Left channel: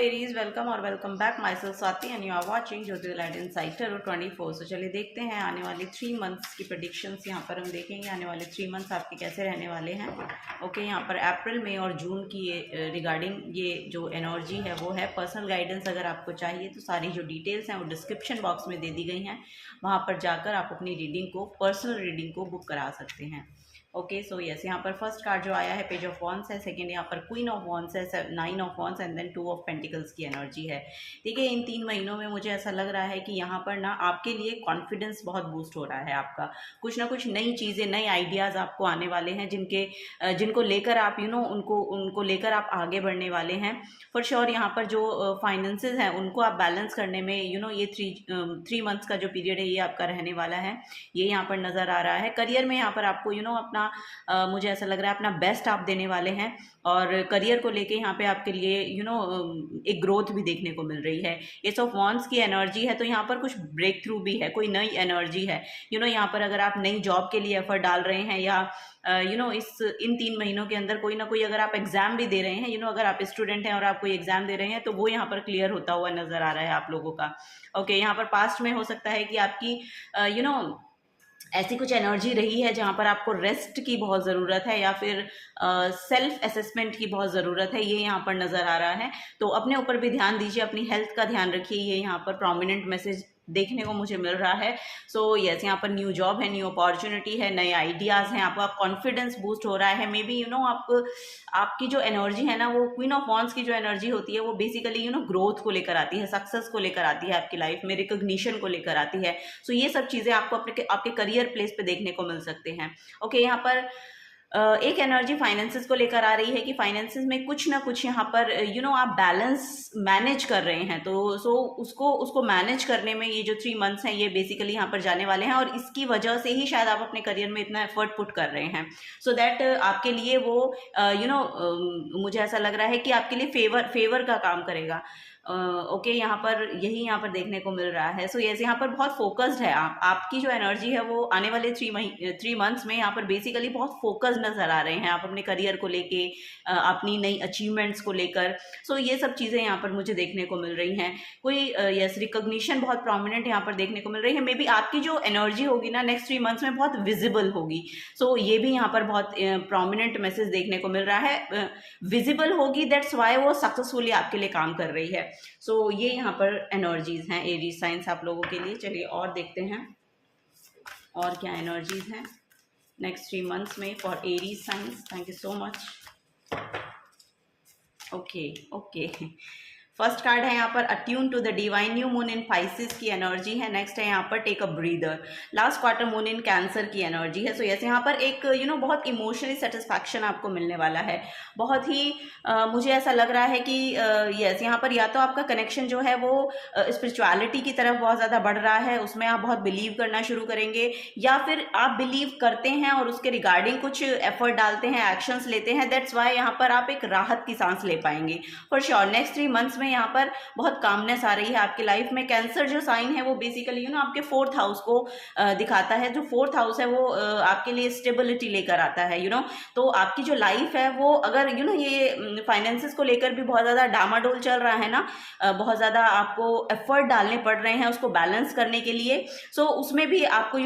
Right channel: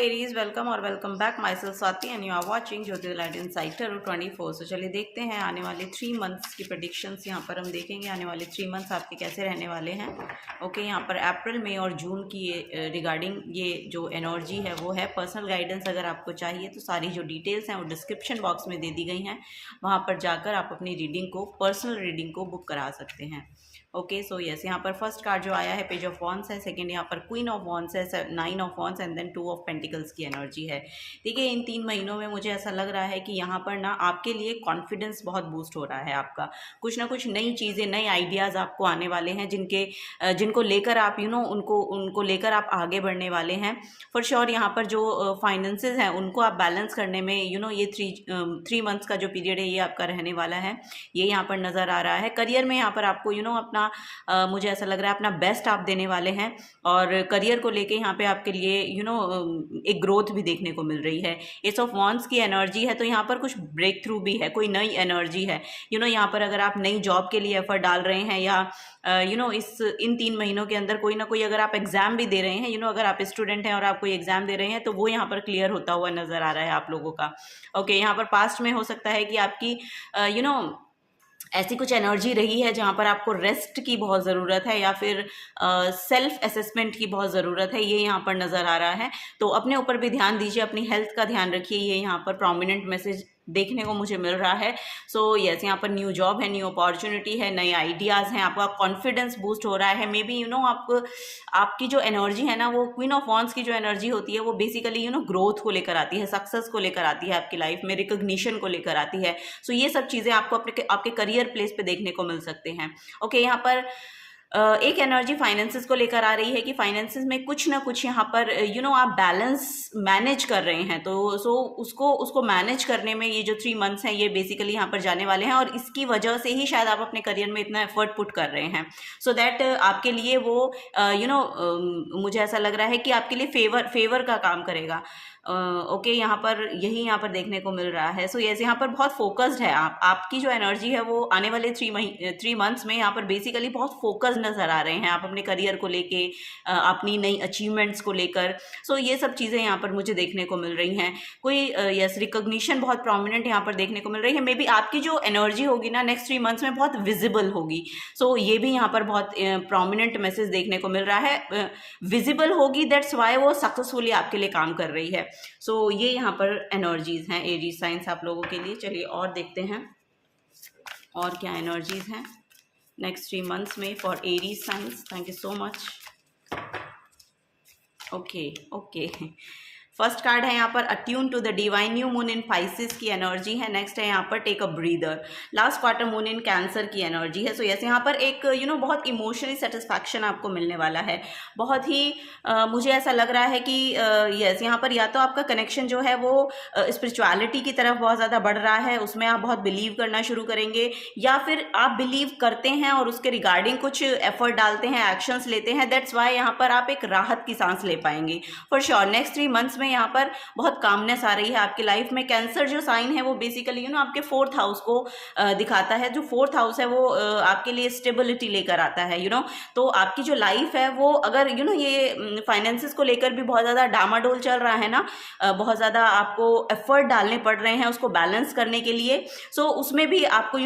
Aries, welcome और welcome back. My self Swati and you are watching Jyoti light inside tarot 24। सो चलिए देखते हैं आने वाले 3 मंथ्स की प्रेडिक्शंस। यहाँ पर हम देखेंगे आने वाले 3 मंथ्स आपके कैसे रहने वाले हैं। ओके, यहाँ पर अप्रैल, मई और जून की रिगार्डिंग ये जो एनर्जी है वो है। पर्सनल गाइडेंस अगर आपको चाहिए तो सारी जो डिटेल्स हैं वो डिस्क्रिप्शन बॉक्स में दे दी गई हैं, वहाँ पर जाकर आप अपनी रीडिंग को, पर्सनल रीडिंग को बुक करा सकते हैं। ओके, सो यस, यहाँ पर फर्स्ट कार्ड जो आया है पेज ऑफ वॉन्स है, सेकंड यहाँ पर क्वीन ऑफ वॉन्स है, 9 of wands and then 2 of pentacles की एनर्जी है। देखिए, इन 3 महीनों में मुझे ऐसा लग रहा है कि यहाँ पर ना आपके लिए कॉन्फिडेंस बहुत बूस्ट हो रहा है। आपका कुछ ना कुछ नई चीज़ें, नए आइडियाज़ आपको आने वाले हैं, जिनको लेकर आप उनको लेकर आप आगे बढ़ने वाले हैं फॉर श्योर। यहाँ पर जो फाइनेंसेस हैं उनको आप बैलेंस करने में ये 3 मंथ्स का जो पीरियड है ये आपका रहने वाला है, ये यहाँ पर नज़र आ रहा है। करियर में यहाँ पर आपको अपना मुझे ऐसा लग रहा है अपना बेस्ट आप देने वाले हैं, और करियर को लेके यहाँ पे आपके लिए एक ग्रोथ भी देखने को मिल रही है। एस ऑफ वॉन्ड्स की एनर्जी है, तो यहाँ पर कुछ ब्रेक थ्रू भी है, कोई नई एनर्जी है। यहाँ पर अगर आप नई जॉब के लिए एफर्ट डाल रहे हैं या इन 3 महीनों के अंदर कोई ना कोई अगर आप एग्जाम भी दे रहे हैं, अगर आप स्टूडेंट हैं और आप कोई एग्जाम दे रहे हैं तो वो यहाँ पर क्लियर होता हुआ नजर आ रहा है आप लोगों का। ओके, यहाँ पर पास्ट में हो सकता है कि आपकी ऐसी कुछ एनर्जी रही है जहाँ पर आपको रेस्ट की बहुत ज़रूरत है या फिर सेल्फ असेसमेंट की बहुत ज़रूरत है, ये यहाँ पर नज़र आ रहा है। तो अपने ऊपर भी ध्यान दीजिए, अपनी हेल्थ का ध्यान रखिए, ये यहाँ पर प्रोमिनेंट मैसेज देखने को मुझे मिल रहा है। सो यस, यहाँ पर न्यू जॉब है, न्यू अपॉर्चुनिटी है, नए आइडियाज़ हैं, आपका कॉन्फिडेंस बूस्ट हो रहा है। मे बी आपकी जो एनर्जी है ना, वो क्वीन ऑफ वॉन्ड्स की जो एनर्जी होती है वो बेसिकली ग्रोथ को लेकर आती है, सक्सेस को लेकर आती है, आपकी लाइफ में रिकॉग्निशन को लेकर आती है। सो ये सब चीज़ें आपको आपके करियर प्लेस पे देखने को मिल सकते हैं। ओके, यहाँ पर एक एनर्जी फाइनेंसेस को लेकर आ रही है कि फाइनेंसेस में कुछ ना कुछ यहाँ पर आप बैलेंस मैनेज कर रहे हैं, तो उसको मैनेज करने में ये जो 3 मंथ्स हैं ये बेसिकली यहाँ पर जाने वाले हैं, और इसकी वजह से ही शायद आप अपने करियर में इतना एफर्ट पुट कर रहे हैं, सो दैट आपके लिए वो मुझे ऐसा लग रहा है कि आपके लिए फेवर का काम करेगा। ओके, यहाँ पर देखने को मिल रहा है। सो यस, यहाँ पर बहुत फोकस्ड है आपकी जो एनर्जी है वो आने वाले 3 मंथ्स में यहाँ पर बेसिकली बहुत फोकस्ड नजर आ रहे हैं आप अपने करियर को लेके, अपनी नई अचीवमेंट्स को लेकर। सो ये सब चीज़ें यहाँ पर मुझे देखने को मिल रही हैं। कोई यस रिकॉग्निशन बहुत प्रोमिनेंट यहाँ पर देखने को मिल रही है। मे बी आपकी जो एनर्जी होगी ना नेक्स्ट 3 मंथ्स में बहुत विजिबल होगी। सो ये भी यहाँ पर बहुत प्रोमिनेंट मैसेज देखने को मिल रहा है, विजिबल होगी, दैट्स वाई वो सक्सेसफुली आपके लिए काम कर रही है। सो ये यहाँ पर एनर्जीज हैं एरीज साइंस आप लोगों के लिए। चलिए और देखते हैं और क्या एनर्जीज हैं नेक्स्ट 3 मंथ्स में for Aries signs. Thank you so much. Okay, first card है यहाँ पर attune to the divine, new moon in Pisces की एनर्जी है। नेक्स्ट है यहाँ पर take a breather, last quarter moon in Cancer की एनर्जी है। सो यस, यहाँ पर एक बहुत इमोशनली सेटिस्फैक्शन आपको मिलने वाला है। बहुत ही मुझे ऐसा लग रहा है कि यस, यहाँ पर या तो आपका कनेक्शन जो है वो स्पिरिचुअलिटी की तरफ बहुत ज़्यादा बढ़ रहा है, उसमें आप बहुत बिलीव करना शुरू करेंगे, या फिर आप बिलीव करते हैं और उसके रिगार्डिंग कुछ एफर्ट डालते हैं, एक्शंस लेते हैं, दैट्स वाई यहाँ पर आप एक राहत की सांस ले पाएंगे फॉर श्योर। नेक्स्ट 3 मंथ्स में यहाँ पर बहुत कामनेस आ रही है आपकी लाइफ में। कैंसर जो साइन है वो बेसिकली आपके 4th हाउस को दिखाता है। जो 4th हाउस है वो आपके लिए स्टेबिलिटी लेकर आता है। तो आपकी जो लाइफ है वो अगर ये फाइनेंसेस को लेकर भी बहुत ज़्यादा डामाडोल चल रहा है ना, बहुत ज़्यादा आपको एफर्ट डालने पड़ रहे हैं उसको बैलेंस करने के लिए, सो उसमें भी आपको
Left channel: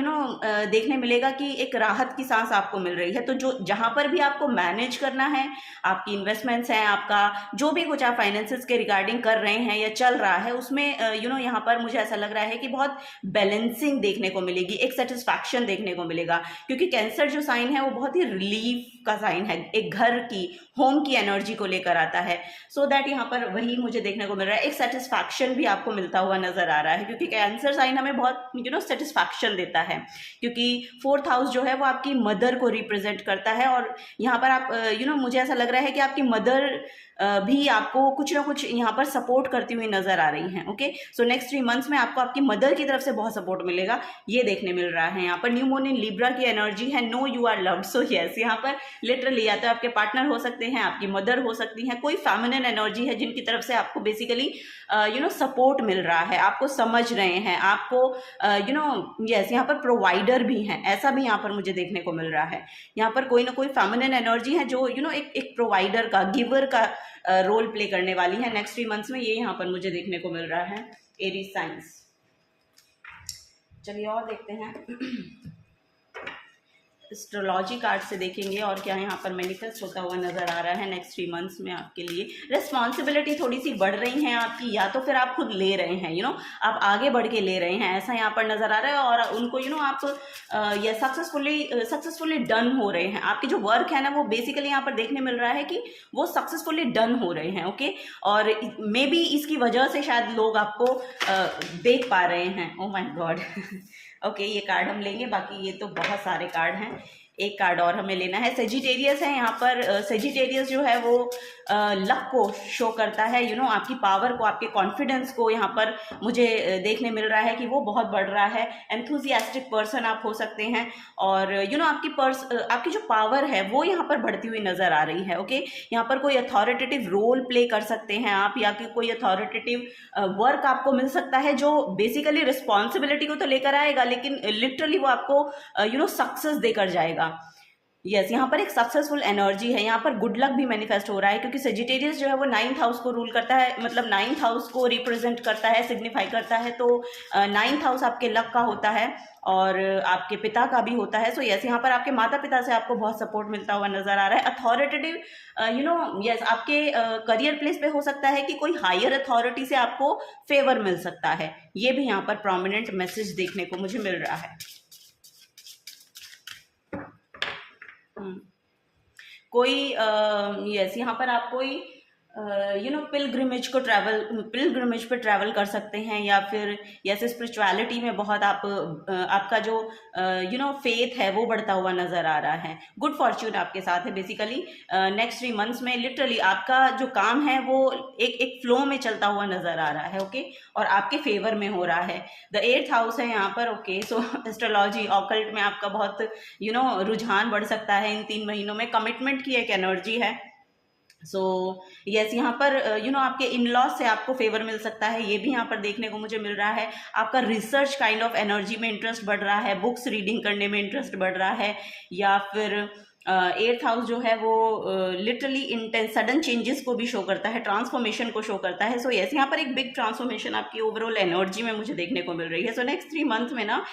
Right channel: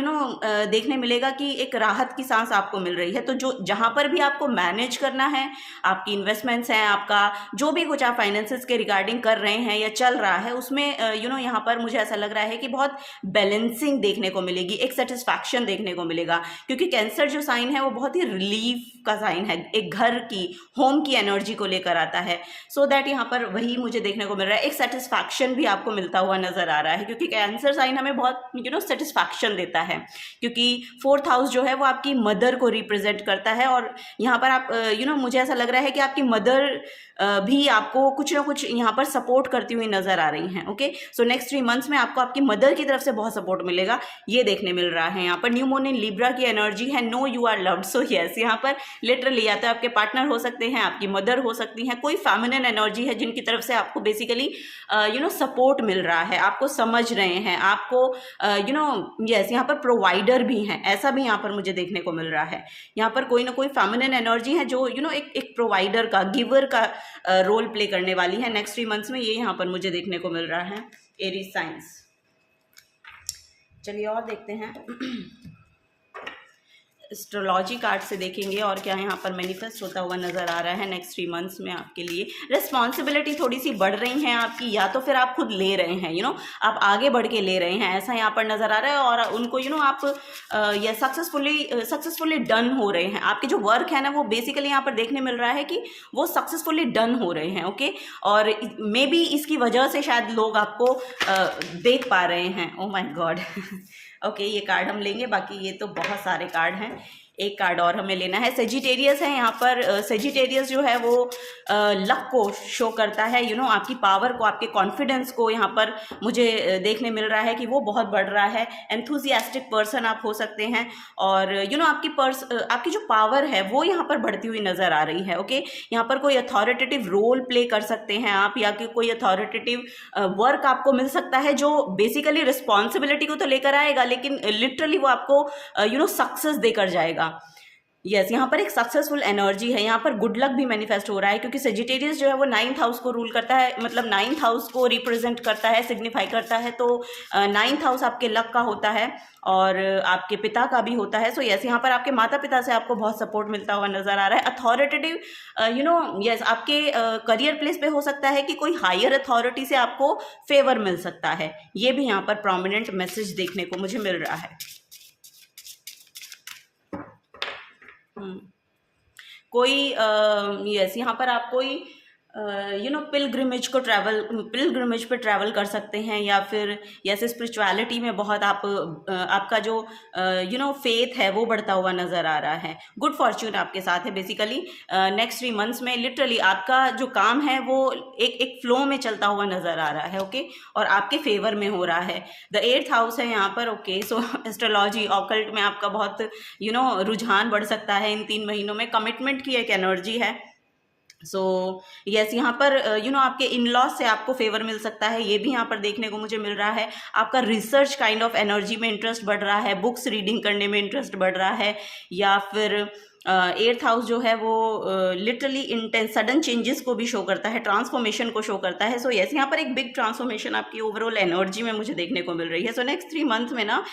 देखने मिलेगा कि एक राहत की सांस आपको मिल रही है। तो जो जहाँ पर भी आपको मैनेज करना है, आपकी इन्वेस्टमेंट्स हैं, आपका जो भी कुछ आप फाइनेंसेस के रिगार्डिंग कर रहे हैं या चल रहा है, उसमें यहाँ पर मुझे ऐसा लग रहा है कि बहुत बैलेंसिंग देखने को मिलेगी, एक सेटिस्फैक्शन देखने को मिलेगा, क्योंकि कैंसर जो साइन है वो बहुत ही रिलीफ का साइन है, एक घर की, होम की एनर्जी को लेकर आता है। सो दैट यहाँ पर वही मुझे देखने को मिल रहा है, एक सेटिस्फैक्शन भी आपको मिलता हुआ नजर आ रहा है, क्योंकि कैंसर साइन हमें बहुत सेटिस्फैक्शन देता है, क्योंकि 4th हाउस जो है वो आपकी मदर को रिप्रेजेंट करता है, और यहाँ पर आप मुझे ऐसा लग रहा है कि आपकी मदर भी आपको कुछ ना कुछ यहाँ पर सपोर्ट करती हुई नजर आ रही हैं। ओके, सो नेक्स्ट 3 मंथ्स में आपको आपकी मदर की तरफ से बहुत सपोर्ट मिलेगा, ये देखने मिल रहा है। यहाँ पर न्यू मून इन लिब्रा की एनर्जी है, no you are loved. So yes, यहाँ पर लिटरली या तो आपके पार्टनर हो सकते हैं, आपकी मदर हो सकती हैं, कोई फेमिनिन एनर्जी है जिनकी तरफ से आपको बेसिकली सपोर्ट मिल रहा है, आपको समझ रहे हैं, आपको यस यहाँ पर प्रोवाइडर भी हैं, ऐसा भी यहाँ पर मुझे देखने को मिल रहा है। यहाँ पर कोई ना कोई फेमिनिन एनर्जी है जो एक प्रोवाइडर का, गिवर का रोल प्ले करने वाली है नेक्स्ट 3 मंथ्स में, ये यहाँ पर मुझे देखने को मिल रहा है एरीज साइंस। चलिए और देखते हैं एस्ट्रोलॉजी कार्ड से देखेंगे और क्या यहाँ पर मैनिफेस्ट होता हुआ नज़र आ रहा है नेक्स्ट 3 मंथ्स में आपके लिए। रिस्पॉन्सिबिलिटी थोड़ी सी बढ़ रही हैं आपकी, या तो फिर आप खुद ले रहे हैं, आप आगे बढ़ के ले रहे हैं, ऐसा यहाँ पर नज़र आ रहा है। और उनको आप ये सक्सेसफुली डन हो रहे हैं। आपके जो वर्क है ना वो बेसिकली यहाँ पर देखने मिल रहा है कि वो सक्सेसफुली डन हो रहे हैं। ओके, और मे बी इसकी वजह से शायद लोग आपको देख पा रहे हैं। ओ माय गॉड ओके, ये कार्ड हम लेंगे, बाकी ये तो बहुत सारे कार्ड हैं। एक कार्ड और हमें लेना है। सेजिटेरियस है यहाँ पर। सेजिटेरियस जो है वो लक को शो करता है, आपकी पावर को, आपके कॉन्फिडेंस को यहाँ पर मुझे देखने मिल रहा है कि वो बहुत बढ़ रहा है। एंथुजियास्टिक पर्सन आप हो सकते हैं, और आपकी जो पावर है वो यहाँ पर बढ़ती हुई नज़र आ रही है। ओके, यहाँ पर कोई अथॉरिटेटिव रोल प्ले कर सकते हैं आप, या कि कोई अथॉरिटेटिव वर्क आपको मिल सकता है जो बेसिकली रिस्पॉन्सिबिलिटी को तो लेकर आएगा, लेकिन लिटरली वो आपको सक्सेस देकर जाएगा। यस, यहाँ पर एक सक्सेसफुल एनर्जी है। यहाँ पर गुड लक भी मैनिफेस्ट हो रहा है, क्योंकि सेजिटेरियस जो है वो 9th हाउस को रूल करता है, मतलब 9th हाउस को रिप्रेजेंट करता है, सिग्निफाई करता है। तो 9th हाउस आपके लक का होता है और आपके पिता का भी होता है। सो यस, यहाँ पर आपके माता पिता से आपको बहुत सपोर्ट मिलता हुआ नजर आ रहा है। अथॉरिटेटिव यस, आपके करियर प्लेस पे हो सकता है कि कोई हायर अथॉरिटी से आपको फेवर मिल सकता है। ये भी यहाँ पर प्रोमिनेंट मैसेज देखने को मुझे मिल रहा है। कोई यस, यहाँ पर आप कोई पिलग्रिमेज पे ट्रैवल कर सकते हैं, या फिर जैसे स्पिरिचुअलिटी में बहुत आपका जो फेथ है वो बढ़ता हुआ नज़र आ रहा है। गुड फॉर्च्यून आपके साथ है बेसिकली नेक्स्ट 3 मंथ्स में। लिटरली आपका जो काम है वो एक फ्लो में चलता हुआ नज़र आ रहा है। ओके, और आपके फेवर में हो रहा है। द 8th हाउस है यहाँ पर। ओके, सो एस्ट्रोलॉजी ऑकल्ट में आपका बहुत रुझान बढ़ सकता है इन 3 महीनों में। कमिटमेंट की एक एनर्जी है। सो यस, यहाँ पर आपके इन लॉज से आपको फेवर मिल सकता है, ये भी यहाँ पर देखने को मुझे मिल रहा है। आपका रिसर्च काइंड ऑफ एनर्जी में इंटरेस्ट बढ़ रहा है, बुक्स रीडिंग करने में इंटरेस्ट बढ़ रहा है, या फिर 8th हाउस जो है वो लिटरली इंटेंस सडन चेंजेस को भी शो करता है, ट्रांसफॉर्मेशन को शो करता है। सो यस, यहाँ पर एक बिग ट्रांसफॉर्मेशन आपकी ओवरऑल एनर्जी में मुझे देखने को मिल रही है। सो नेक्स्ट 3 मंथ में ना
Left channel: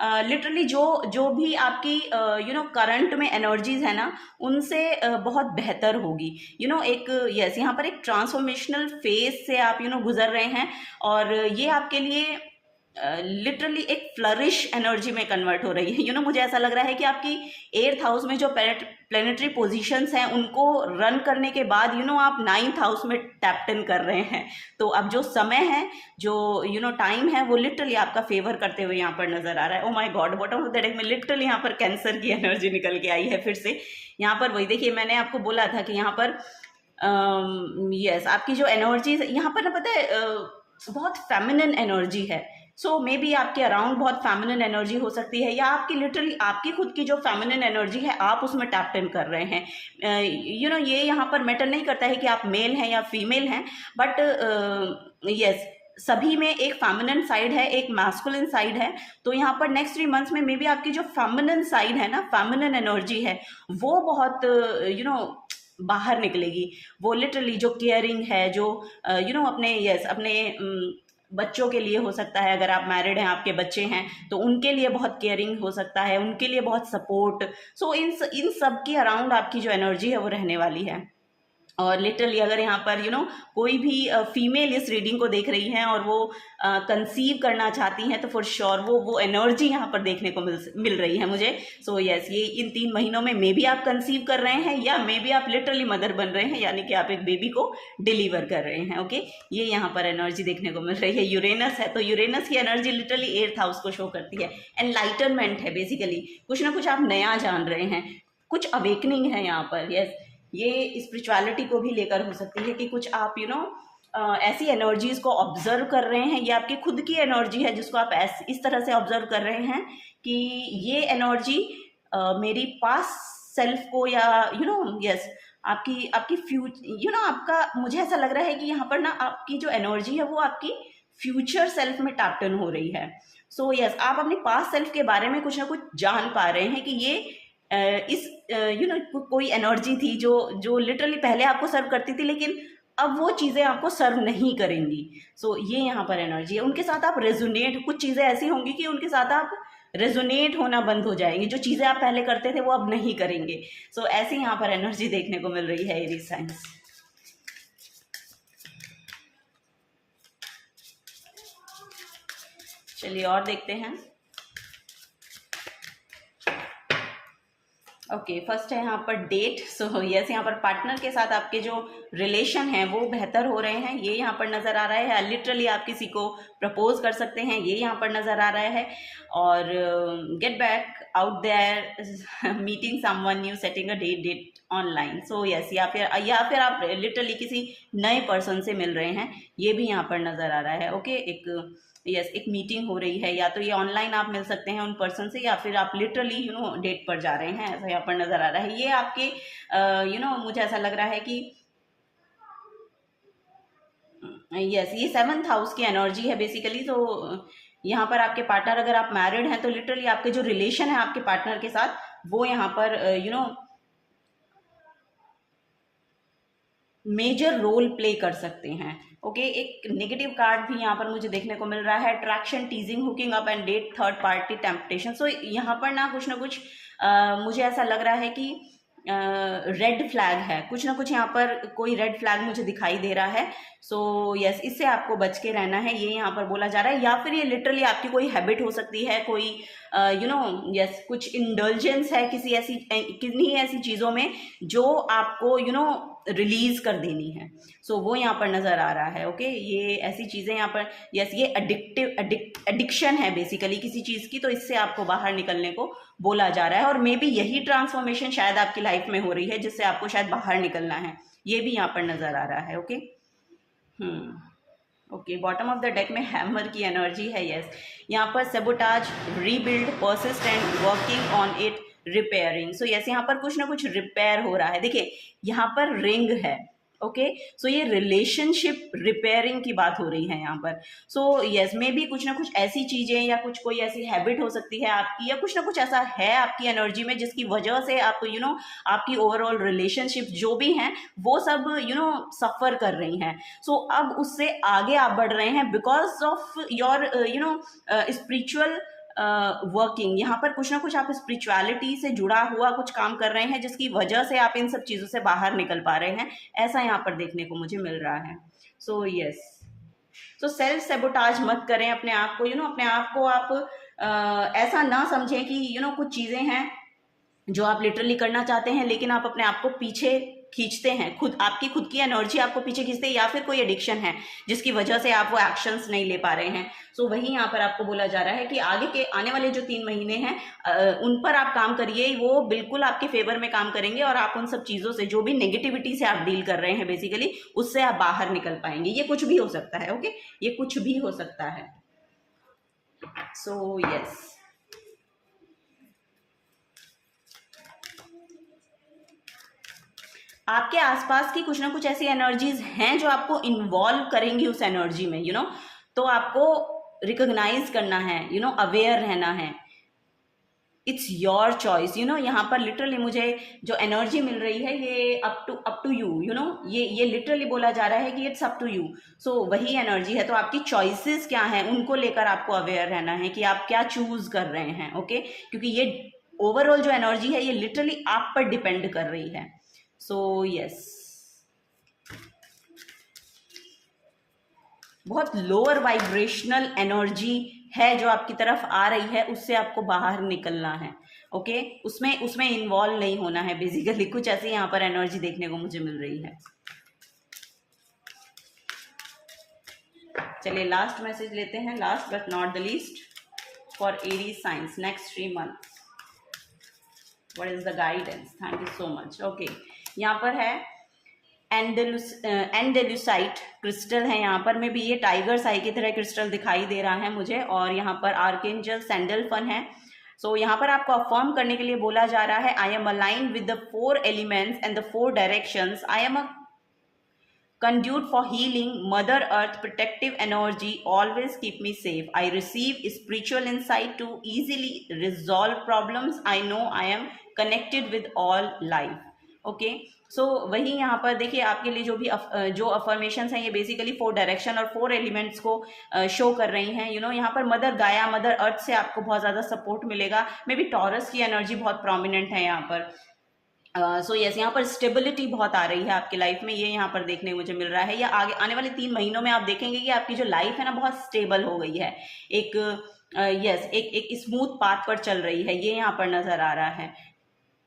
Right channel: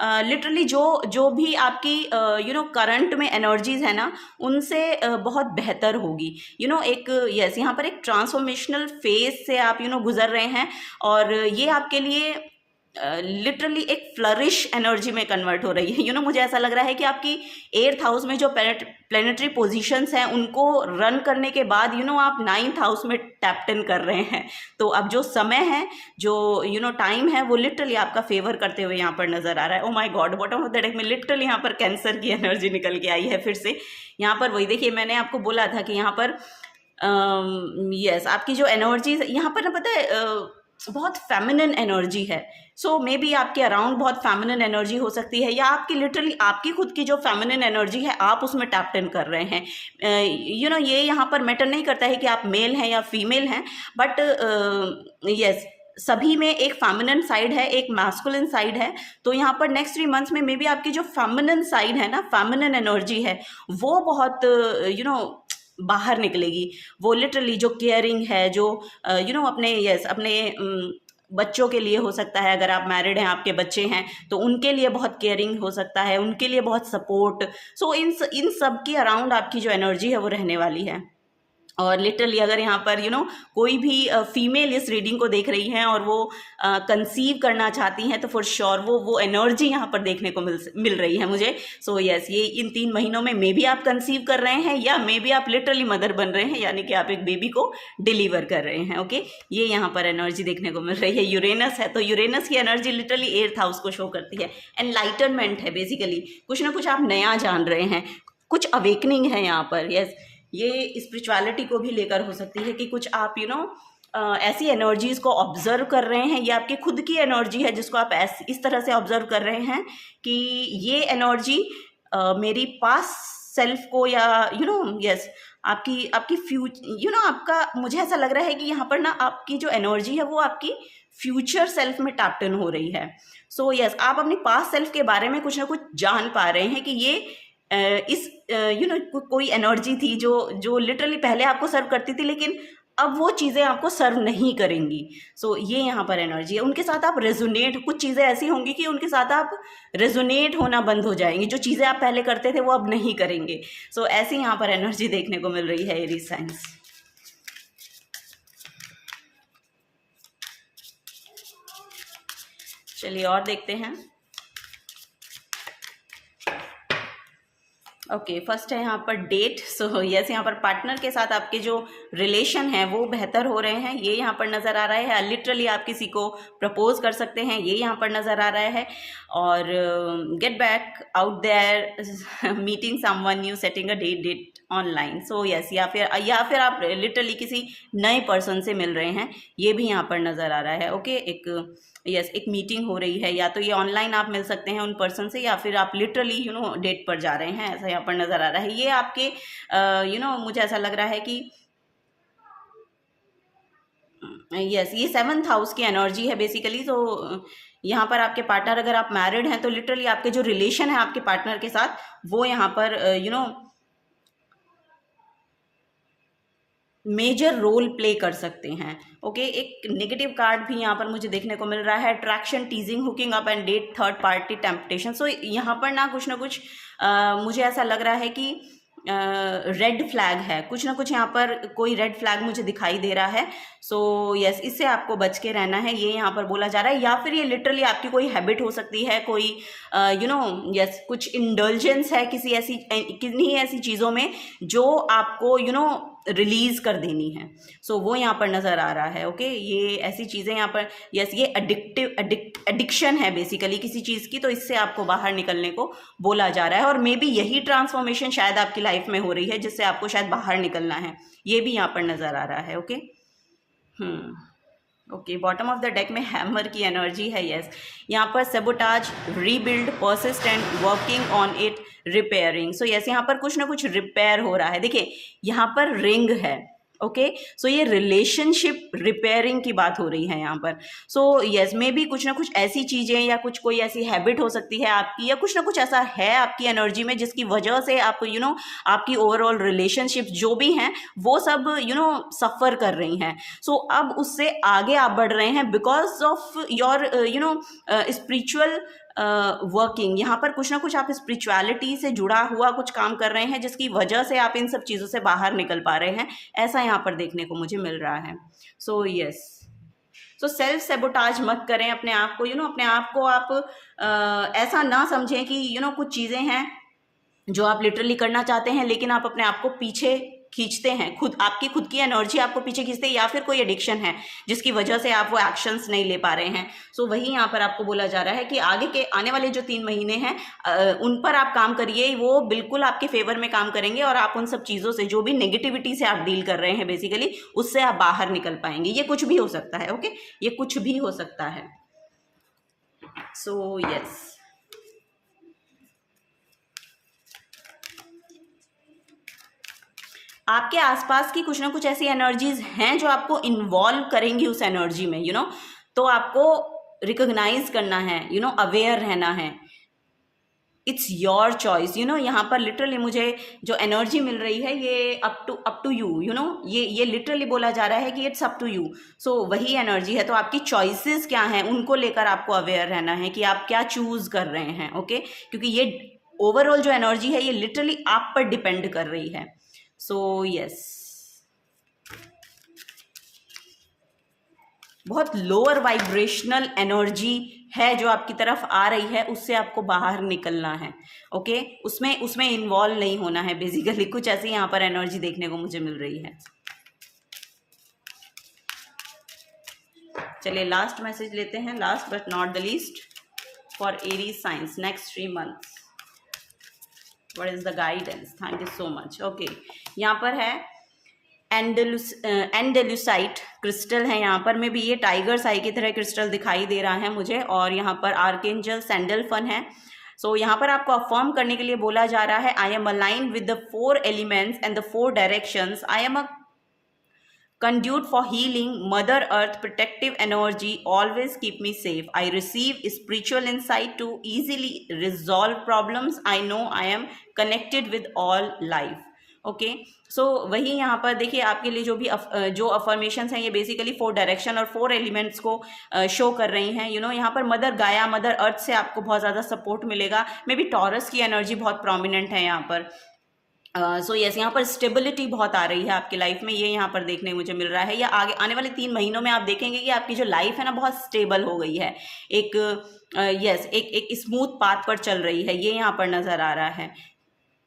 लिटरली जो भी आपकी करंट में एनर्जीज है ना, उनसे बहुत बेहतर होगी। एक यस, यहाँ पर एक ट्रांसफॉर्मेशनल फेज से आप गुजर रहे हैं, और ये आपके लिए लिटरली एक फ्लरिश एनर्जी में कन्वर्ट हो रही है। मुझे ऐसा लग रहा है कि आपकी 8th हाउस में जो प्लेनेटरी पोजीशंस हैं उनको रन करने के बाद आप 9th हाउस में टैप्ड इन कर रहे हैं। तो अब जो समय है, जो टाइम है, वो लिटरली आपका फेवर करते हुए यहाँ पर नजर आ रहा है। Oh my God, bottom of the deck में लिटरली यहाँ पर कैंसर की एनर्जी निकल के आई है फिर से। यहाँ पर वही देखिए, मैंने आपको बोला था कि यहाँ पर यस, आपकी जो एनर्जी यहाँ पर ना, पता है बहुत फेमिनिन एनर्जी है। सो मे बी आपके अराउंड बहुत फेमिनिन एनर्जी हो सकती है, या आपकी लिटरली आपकी खुद की जो फेमिनिन एनर्जी है आप उसमें टैप्ड इन कर रहे हैं। ये यहाँ पर मैटर नहीं करता है कि आप मेल हैं या फीमेल हैं, बट यस, सभी में एक फेमिनिन साइड है, एक मैस्कुलिन साइड है। तो यहाँ पर नेक्स्ट 3 मंथ्स में मे बी आपकी जो फेमिनिन साइड है ना, फेमिनिन एनर्जी है, वो बहुत बाहर निकलेगी। वो लिटरली जो केयरिंग है, जो अपने बच्चों के लिए हो सकता है, अगर आप मैरिड हैं, आपके बच्चे हैं, तो उनके लिए बहुत केयरिंग हो सकता है, उनके लिए बहुत सपोर्ट। सो इन सब के अराउंड आपकी जो एनर्जी है वो रहने वाली है। और लिटरली अगर यहाँ पर कोई भी फीमेल इस रीडिंग को देख रही हैं और वो कंसीव करना चाहती हैं, तो फॉर श्योर वो एनर्जी यहाँ पर देखने को मिल रही है मुझे। सो यस, ये इन 3 महीनों में मे बी आप कंसीव कर रहे हैं, या मे बी आप लिटरली मदर बन रहे हैं, यानी कि आप एक बेबी को डिलीवर कर रहे हैं। ओके, ये यहाँ पर एनर्जी देखने को मिल रही है। यूरेनस है, तो यूरेनस की एनर्जी लिटरली 8th हाउस को शो करती है। एनलाइटनमेंट है, बेसिकली कुछ ना कुछ आप नया जान रहे हैं, कुछ अवेकनिंग है यहाँ पर। यस, ये स्पिरिचुअलिटी को भी लेकर हो सकती है कि कुछ आप ऐसी एनर्जीज को ऑब्जर्व कर रहे हैं। ये आपकी खुद की एनर्जी है जिसको आप इस तरह से ऑब्जर्व कर रहे हैं कि ये एनर्जी मेरी पास सेल्फ को, या यस, आपकी आपका, मुझे ऐसा लग रहा है कि यहाँ पर ना आपकी जो एनर्जी है वो आपकी फ्यूचर सेल्फ में टैप्ड इन हो रही है। सो यस, आप अपनी पास्ट सेल्फ के बारे में कुछ ना कुछ जान पा रहे हैं कि ये इस कोई एनर्जी थी जो लिटरली पहले आपको सर्व करती थी, लेकिन अब वो चीज़ें आपको सर्व नहीं करेंगी। सो ये यहाँ पर एनर्जी है। उनके साथ आप रेजोनेट, कुछ चीज़ें ऐसी होंगी कि उनके साथ आप रेजोनेट होना बंद हो जाएंगे, जो चीज़ें आप पहले करते थे वो अब नहीं करेंगे। सो ऐसी यहाँ पर एनर्जी देखने को मिल रही है एरीज साइंस। चलिए और देखते हैं। ओके, फर्स्ट है यहाँ पर डेट। सो यस, यहाँ पर पार्टनर के साथ आपके जो रिलेशन है वो बेहतर हो रहे हैं, ये यहाँ पर नज़र आ रहा है। लिटरली आप किसी को प्रपोज कर सकते हैं, ये यहाँ पर नज़र आ रहा है। और get back out there, meeting someone new, setting a date online. So yes, या फिर आप लिटरली किसी नए पर्सन से मिल रहे हैं, ये भी यहाँ पर नज़र आ रहा है। ओके, एक मीटिंग हो रही है, या तो ये ऑनलाइन आप मिल सकते हैं उन पर्सन से, या फिर आप लिटरली डेट पर जा रहे हैं, ऐसा यहाँ पर नज़र आ रहा है। ये आपके मुझे ऐसा लग रहा है कि यस, ये 7th हाउस की एनर्जी है बेसिकली। तो यहाँ पर आपके पार्टनर, अगर आप मैरिड हैं तो लिटरली आपके जो रिलेशन है आपके पार्टनर के साथ, वो यहाँ पर मेजर रोल प्ले कर सकते हैं। ओके, एक नेगेटिव कार्ड भी यहाँ पर मुझे देखने को मिल रहा है, attraction, teasing, hooking up and date, third party, temptation. So यहाँ पर ना कुछ मुझे ऐसा लग रहा है कि रेड फ्लैग है, कुछ ना कुछ यहाँ पर कोई रेड फ्लैग मुझे दिखाई दे रहा है। सो यस, इससे आपको बच के रहना है, ये यहाँ पर बोला जा रहा है। या फिर ये लिटरली आपकी कोई हैबिट हो सकती है, कोई यस, कुछ इंडल्जेंस है किन्हीं ऐसी चीज़ों में जो आपको रिलीज कर देनी है। सो वो यहाँ पर नज़र आ रहा है। ओके, ये ऐसी चीज़ें यहाँ पर, यस, ये एडिक्शन है बेसिकली किसी चीज़ की, तो इससे आपको बाहर निकलने को बोला जा रहा है। और मे बी यही ट्रांसफॉर्मेशन शायद आपकी लाइफ में हो रही है, जिससे आपको शायद बाहर निकलना है, ये भी यहाँ पर नज़र आ रहा है। Okay, okay, bottom of the deck में हैमर की एनर्जी है। यस, यहाँ पर sabotage, rebuild, persistent, working on it, repairing. So yes, यहाँ पर कुछ ना कुछ रिपेयर हो रहा है। देखिए, यहाँ पर रिंग है। ओके, सो ये रिलेशनशिप रिपेयरिंग की बात हो रही है यहाँ पर। सो यस, मे बी कुछ ना कुछ ऐसी चीज़ें या कोई ऐसी हैबिट हो सकती है आपकी, या कुछ ना कुछ ऐसा है आपकी एनर्जी में जिसकी वजह से आप आपकी ओवरऑल रिलेशनशिप जो भी हैं वो सब सफ़र कर रही हैं। सो अब उससे आगे आप बढ़ रहे हैं because of your spiritual working. यहाँ पर कुछ ना कुछ आप स्पिरिचुअलिटी से जुड़ा हुआ कुछ काम कर रहे हैं, जिसकी वजह से आप इन सब चीज़ों से बाहर निकल पा रहे हैं, ऐसा यहाँ पर देखने को मुझे मिल रहा है। So yes, so self sabotage मत करें अपने आप को। अपने आप को आप ऐसा ना समझें कि कुछ चीज़ें हैं जो आप लिटरली करना चाहते हैं, लेकिन आप अपने आप को पीछे खींचते हैं, आपकी खुद की एनर्जी आपको पीछे खींचते हैं, या फिर कोई एडिक्शन है जिसकी वजह से आप वो एक्शंस नहीं ले पा रहे हैं। सो वही यहाँ पर आपको बोला जा रहा है कि आने वाले जो 3 महीने हैं उन पर आप काम करिए, वो बिल्कुल आपके फेवर में काम करेंगे, और आप उन सब चीज़ों से, जो भी नेगेटिविटी से आप डील कर रहे हैं बेसिकली, उससे आप बाहर निकल पाएंगे। ये कुछ भी हो सकता है। ओके, ये कुछ भी हो सकता है। सो यस, आपके आसपास की कुछ ना कुछ ऐसी एनर्जीज हैं जो आपको इन्वॉल्व करेंगी उस एनर्जी में, तो आपको रिकॉग्नाइज करना है, अवेयर रहना है। It's your choice. यहाँ पर लिटरली मुझे जो एनर्जी मिल रही है, ये अप टू यू, ये लिटरली बोला जा रहा है कि इट्स अप टू यू। सो वही एनर्जी है। तो आपकी चॉइसेस क्या हैं, उनको लेकर आपको अवेयर रहना है कि आप क्या चूज कर रहे हैं। ओके, क्योंकि ये ओवरऑल जो एनर्जी है ये लिटरली आप पर डिपेंड कर रही है। सो यस, बहुत लोअर वाइब्रेशनल एनर्जी है जो आपकी तरफ आ रही है, उससे आपको बाहर निकलना है। ओके, उसमें इन्वॉल्व नहीं होना है बेसिकली। कुछ ऐसी यहाँ पर एनर्जी देखने को मुझे मिल रही है। चलिए लास्ट मैसेज लेते हैं, last but not the least, for Aries science next 3 months। What is the guidance? Thank you so much. Okay, यहाँ पर है एंडेलुसाइट क्रिस्टल है। यहाँ पर में भी ये टाइगर आई की तरह क्रिस्टल दिखाई दे रहा है मुझे, और यहाँ पर आर्केंजल सैंडलफन है। सो यहाँ पर आपको अफर्म करने के लिए बोला जा रहा है, I am aligned with the 4 elements and the 4 directions, I am a conduit for healing. Mother Earth protective energy always keep me safe. I receive spiritual insight to easily resolve problems. I know I am connected with all life। Okay, so वही यहाँ पर देखिए आपके लिए जो भी जो affirmations हैं ये बेसिकली 4 डायरेक्शन और 4 एलिमेंट्स को शो कर रही हैं। यू नो यहाँ पर मदर गाया, मदर अर्थ से आपको बहुत ज़्यादा सपोर्ट मिलेगा। मे बी टॉरस की एनर्जी बहुत प्रोमिनेंट है यहाँ पर। सो यस, यहाँ पर स्टेबिलिटी बहुत आ रही है आपकी लाइफ में, ये यहाँ पर देखने मुझे मिल रहा है। या आगे आने वाले 3 महीनों में आप देखेंगे कि आपकी जो लाइफ है ना बहुत स्टेबल हो गई है, एक एक स्मूथ पाथ पर चल रही है, ये यहाँ पर नज़र आ रहा है।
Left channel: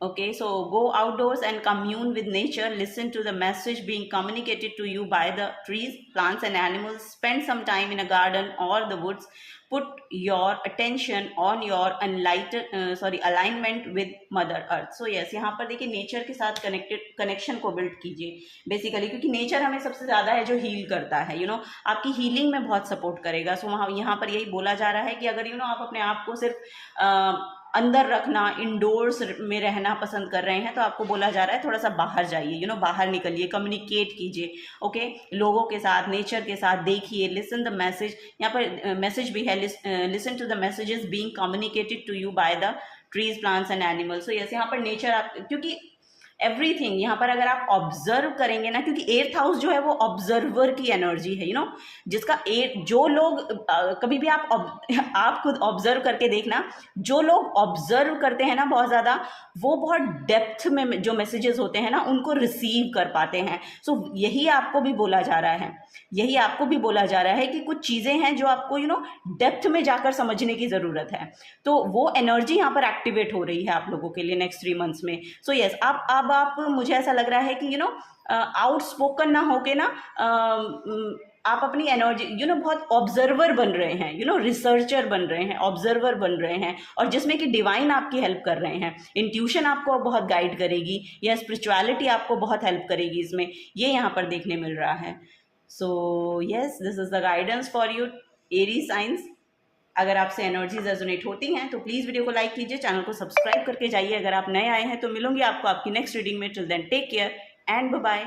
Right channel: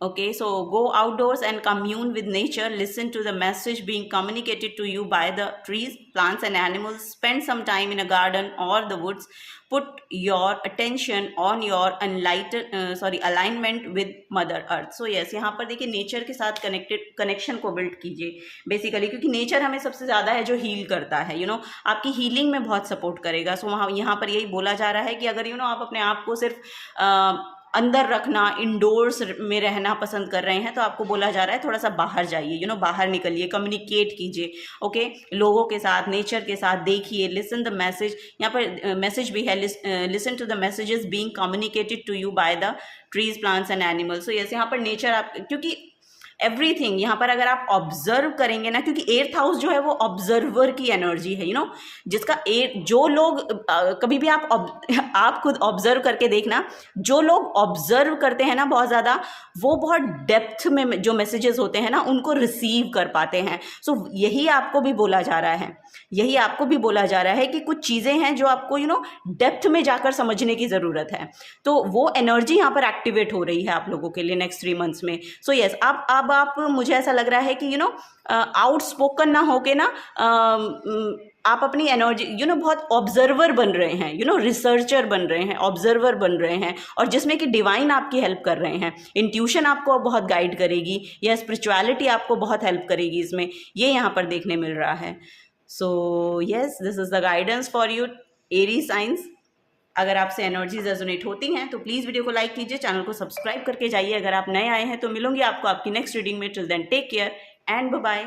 Okay, so go outdoors and commune with nature. Listen to the message being communicated to you by the trees, plants and animals. Spend some time in a garden or the woods. Put your attention on your alignment with Mother Earth. So yes, यहाँ पर देखिए nature के साथ connection को build कीजिए basically, क्योंकि nature हमें सबसे ज़्यादा है जो हील करता है। यू नो आपकी हीलिंग में बहुत सपोर्ट करेगा। सो वहाँ यहाँ पर यही बोला जा रहा है कि अगर आप अपने आप को सिर्फ अंदर रखना, इंडोर्स में रहना पसंद कर रहे हैं, तो आपको बोला जा रहा है थोड़ा सा बाहर जाइए, बाहर निकलिए, कम्युनिकेट कीजिए। ओके, लोगों के साथ, नेचर के साथ देखिए, लिसन द मैसेज। यहाँ पर मैसेज भी है, listen to the messages being communicated to you by the trees, plants and animals. तो यहाँ पर नेचर आप, क्योंकि एवरीथिंग यहाँ पर अगर आप ऑब्जर्व करेंगे ना, क्योंकि 8th हाउस जो है वो ऑब्जर्वर की एनर्जी है, जिसका जो लोग कभी भी आप खुद ऑब्जर्व करके देखना, जो लोग ऑब्जर्व करते हैं ना बहुत ज़्यादा, वो बहुत डेप्थ में जो मैसेजेस होते हैं ना उनको रिसीव कर पाते हैं। सो यही आपको भी बोला जा रहा है, यही आपको भी बोला जा रहा है कि कुछ चीज़ें हैं जो आपको डेप्थ में जाकर समझने की ज़रूरत है। तो वो एनर्जी यहाँ पर एक्टिवेट हो रही है आप लोगों के लिए नेक्स्ट 3 मंथ्स में। सो यस, अब आप मुझे ऐसा लग रहा है कि आउटस्पोकन ना होके ना आप अपनी एनर्जी बहुत ऑब्जर्वर बन रहे हैं, रिसर्चर बन रहे हैं, ऑब्जर्वर बन रहे हैं, और जिसमें कि डिवाइन आपकी हेल्प कर रहे हैं। इंट्यूशन आपको बहुत गाइड करेगी, या स्पिरिचुअलिटी आपको बहुत हेल्प करेगी इसमें, ये यहाँ पर देखने मिल रहा है। So yes, this is the guidance for you Aries science. अगर आपसे एनर्जीज रेजोनेट होती हैं तो प्लीज़ वीडियो को लाइक कीजिए, चैनल को सब्सक्राइब करके जाइए। अगर आप नए आए हैं तो मिलूंगी आपको आपकी नेक्स्ट रीडिंग में। Till then take care and bye bye.